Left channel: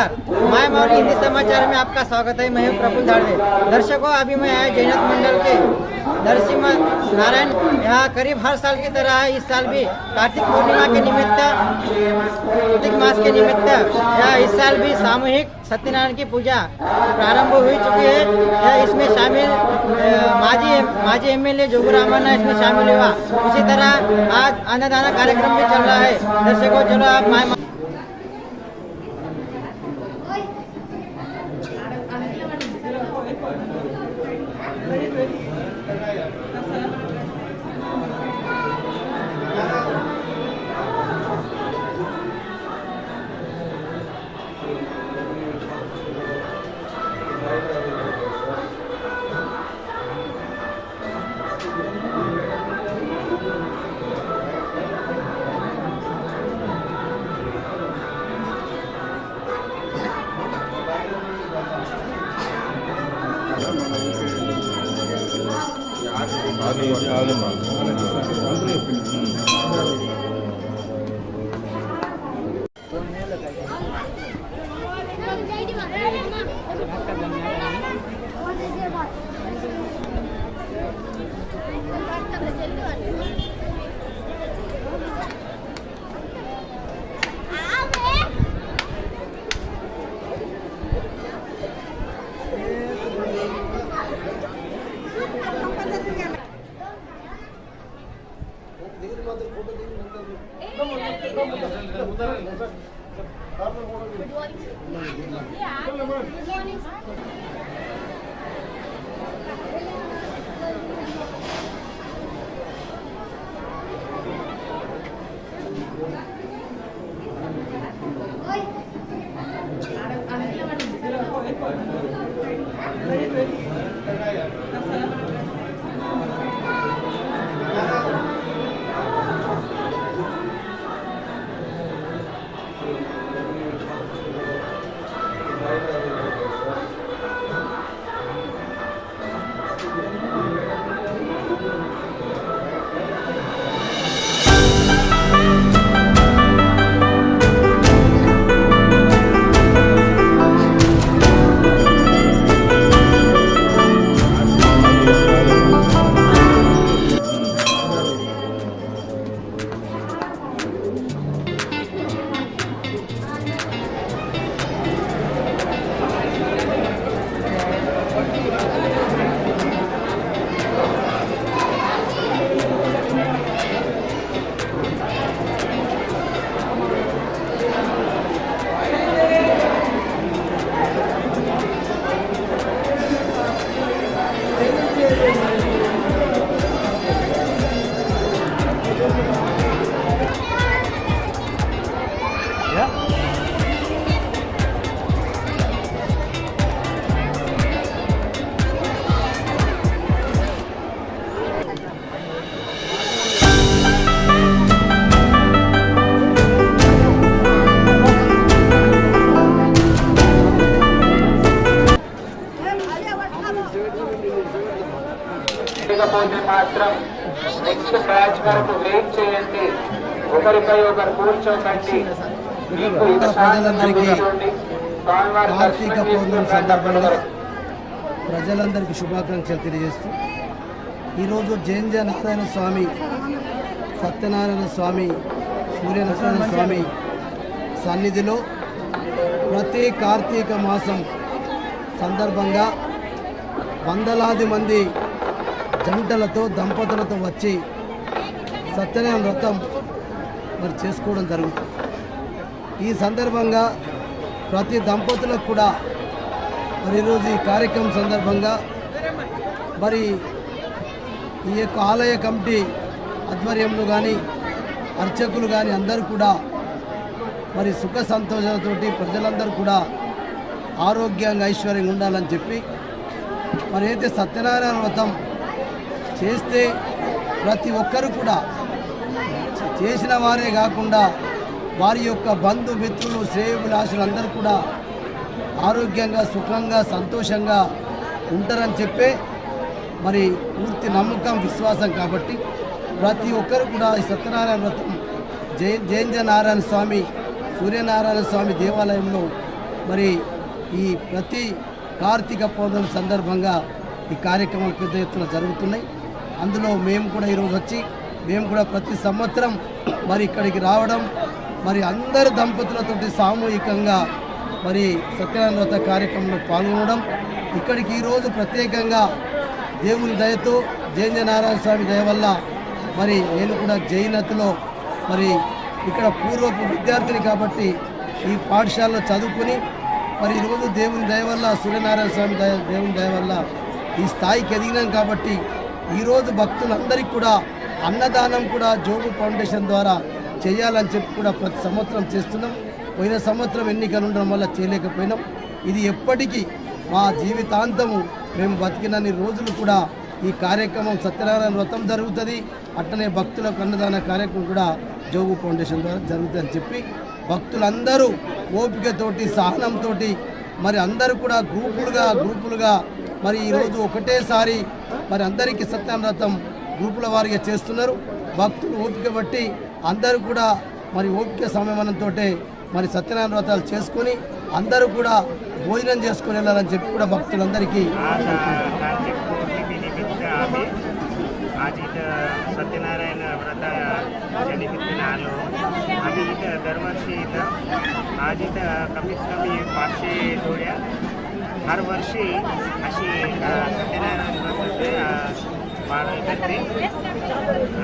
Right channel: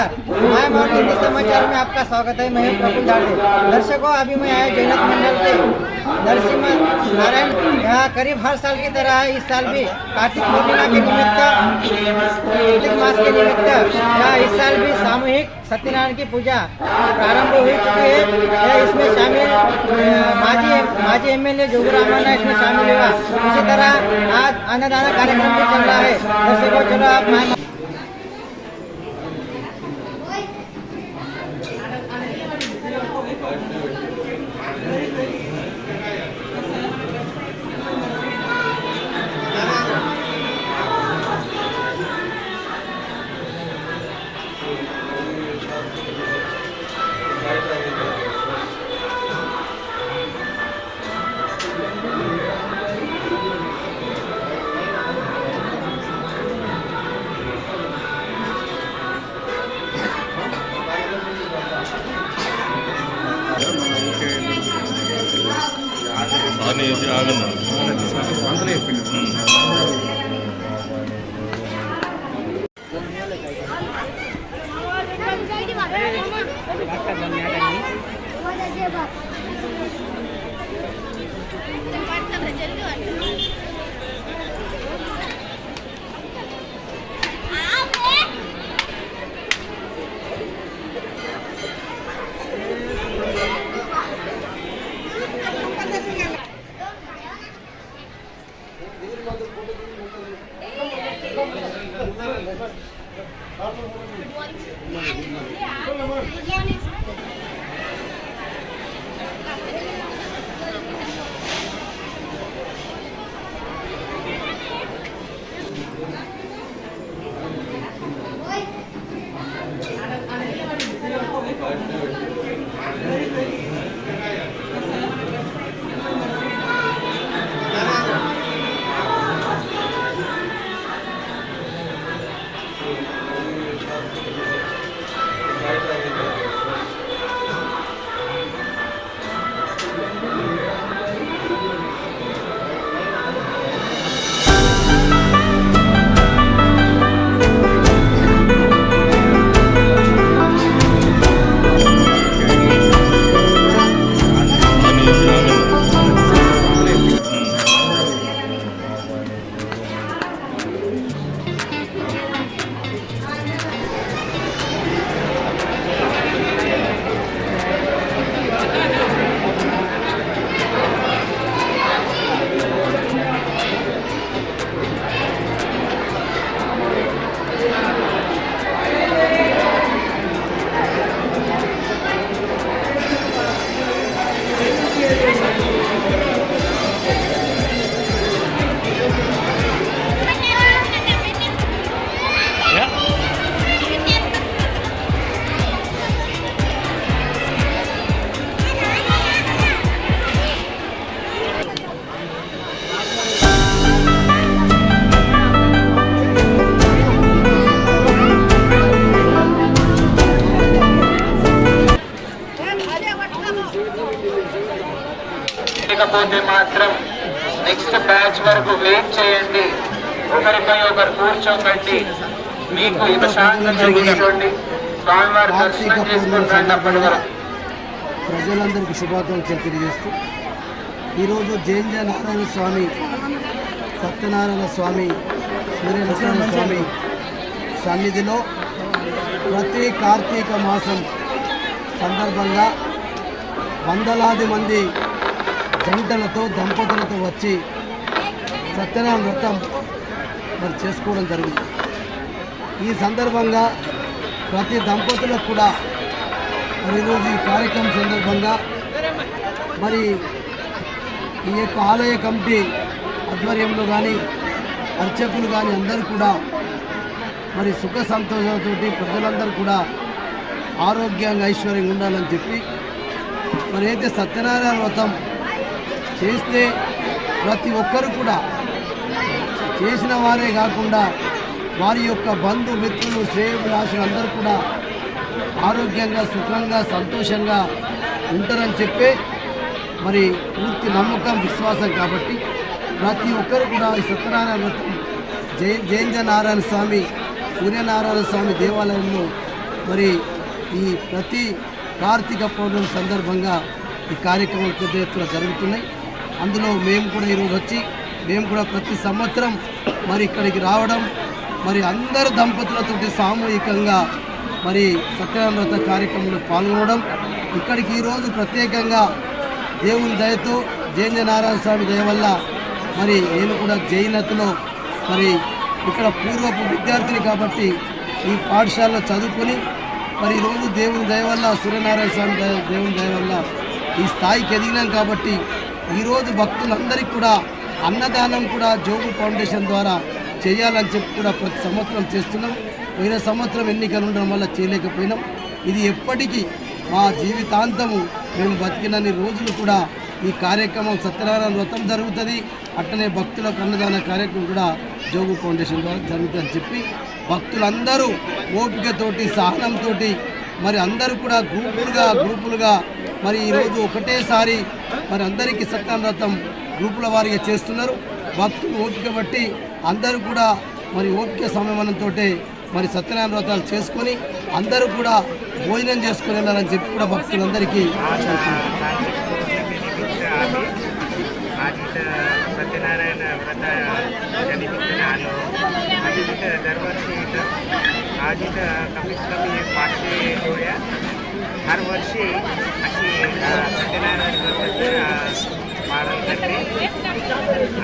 नमस्कार, my mount Hindi समाचार में आपका स्वागत है। मैं हूं प्रफुल्ल झाड़वे। दर्शकों, अभी मैं आया जैनत मंडल के नरसिंह नारायण। यहाँ करीब हर साल की तरह इस साल भी कार्तिक पूर्णिमा के निमित्त, कार्तिक मास के निमित्त यहाँ इस साल भी सामूहिक सत्यनारायण की पूजा प्रारंभ हो चुकी है। यह इसमें शामिल माजी एमएलए जोगू रामन्ना इसमें शामिल हुआ। इसी तरह आज अन्नदान कार्यक्रम भी चल रहा है। दर्शकों, चलो आप మాత్రం నెక్స్ట్ బ్యాచ్ వరకు వెయిట్ చేయండి. ఒకరిపై ఒకరు కూర్చోకండి. మీకు ప్రశాంతంగా కూర్చోండి. స్వామివారి దర్శనం చేసుకుంటున్నప్పటి వరకు ప్రజలందరికీ శుభాకాంక్షలు తెలియజేస్తూ ఈరోజు జైంజ నారాయణ స్వామి, సత్యనారాయణ స్వామి, సూర్యనారాయణ స్వామి సన్నిధిలో ప్రతి కార్తీక మాసం సందర్భంగా వందలాది మంది జంటలతో దంపతులతో వచ్చి సత్యనారాయణ వ్రతం మరి చేసుకోవడం జరుగుతుంది. ఈ సందర్భంగా ప్రతి దంపతులకు కూడా మరి ఈరోజు ఈ కార్యక్రమం సందర్భంగా మరి ఈ యొక్క ఆలయ కమిటీ ఆధ్వర్యంలో కానీ అర్చకులు కానీ అందరూ కూడా మరి సుఖ సంతోషాలతో ప్రజలందరూ కూడా ఆరోగ్యంగా ఐశ్వర్యంగా ఉండాలని చెప్పి మరి అయితే సత్యనారాయణ వ్రతం చేస్తే ప్రతి ఒక్కరు కూడా చేసిన వారే కాకుండా వారి యొక్క బంధుమిత్రులు శ్రేయోభిలాషులు అందరూ కూడా ఆరోగ్యంగా సుఖంగా సంతోషంగా ఉంటారని చెప్పే మరి పూర్తి నమ్మకం విశ్వాసం కాబట్టి ప్రతి ఒక్కరు కూడా ఈ సత్యనారాయణ వ్రతం జైంజ నారాయణ స్వామి, సూర్యనారాయణ స్వామి దేవాలయంలో మరి ఈ ప్రతి కార్తీక పౌర్ణమి సందర్భంగా ఈ కార్యక్రమాలు పెద్ద ఎత్తున జరుగుతున్నాయి. అందులో మేము కూడా ఈరోజు వచ్చి మేము కూడా ప్రతి సంవత్సరం మరి ఇక్కడికి రావడం, మరి అందరు దంపతులతోటి సామూహికంగా మరి సత్యనారాయణ వ్రత కార్యక్రమంలో పాల్గొనడం, ఇక్కడికి ఈరోజు ప్రత్యేకంగా దేవుని దయతో జైననారాయణ స్వామి దయ వల్ల మరి నేను కూడా జైనతలో మరి ఇక్కడ పూర్వపు విద్యార్థిని కాబట్టి ఈ పాఠశాలలో చదువుకుని మరి ఈరోజు దేవుని దయ వల్ల సూర్యనారాయణ స్వామి దేవుని దయ వల్ల ఈ స్థాయికి ఎదిగినాం కాబట్టి ఈరోజు భక్తులందరికీ కూడా అన్నదానం కూడా జోగు ఫౌండేషన్ ద్వారా చేయాలని చెప్పి కూడా ప్రతి సంవత్సరం చేస్తున్నాం. పోయిన సంవత్సరం ఎన్నికలు ఉండడం వల్ల చేయలేకపోయినాం. ఇది ఎప్పటికీ మా జీవితాంతము మేము బతికినన్ని రోజులు కూడా ఈ కార్యక్రమం సత్యనారాయణ వ్రతం జరుగుతుంది, అట్టనే భక్తులకు అన్నదాన కార్యక్రమం కూడా జోగు ఫౌండేషన్ ద్వారా జరుగుతుందని చెప్పి భక్తులందరూ ఓపికతోటి సహనంతో మరి అందరూ కూడా గ్రూపులుగా మరి ఈరోజు ఒకటేసారి మరి అందరికీ సత్యనారాయణ వ్రతం గ్రూపుల వారిగా చేస్తున్నారు. భక్తులు ఓపిక బట్టి అందరూ కూడా మరి ఓపిక సమయమనంతో మరి సత్యనారాయణ వ్రతాలు చేసుకొని అందరూ కూడా భోజనం చేసుకుని వెళ్ళాలని చెప్పి కూడా भक्तुलंदरिकी आज इथं सत्यनारायण व्रताच्या निमित्ताने आलो. आम्ही इथं दरवर्षी इथं आज इथं कमीत कमी 500 जोड्या हर वर्षी अशी सत्यनारायण व्रताचं पालन करते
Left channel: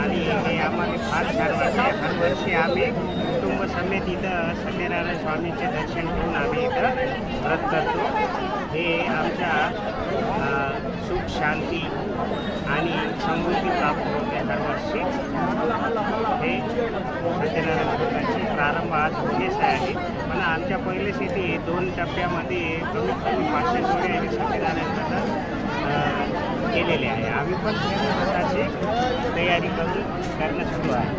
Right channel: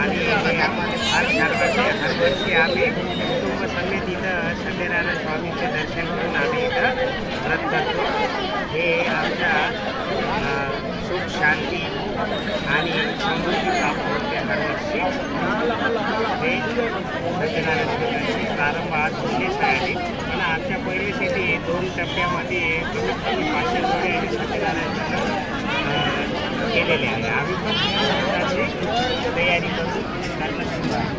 आणि हे आम्हाला फार छान वाटते. हर वर्षी आम्ही कुटुंब समेत इथं सत्यनारायण स्वामीचे दर्शन करून आम्ही इथं व्रत करतो. हे आमच्या सुख शांती आणि समृद्धी प्राप्त होते हर वर्षी. हे सत्यनारायण व्रताचे प्रारंभ आज होतेच आहे. पण आमच्या पहिले शेती 2 टप्प्यामध्ये कमीत कमी 500 जोडे सत्यनारायण व्रत केलेले आहे. आम्ही पण व्रताची तयारी करून करणं सुरू आहे.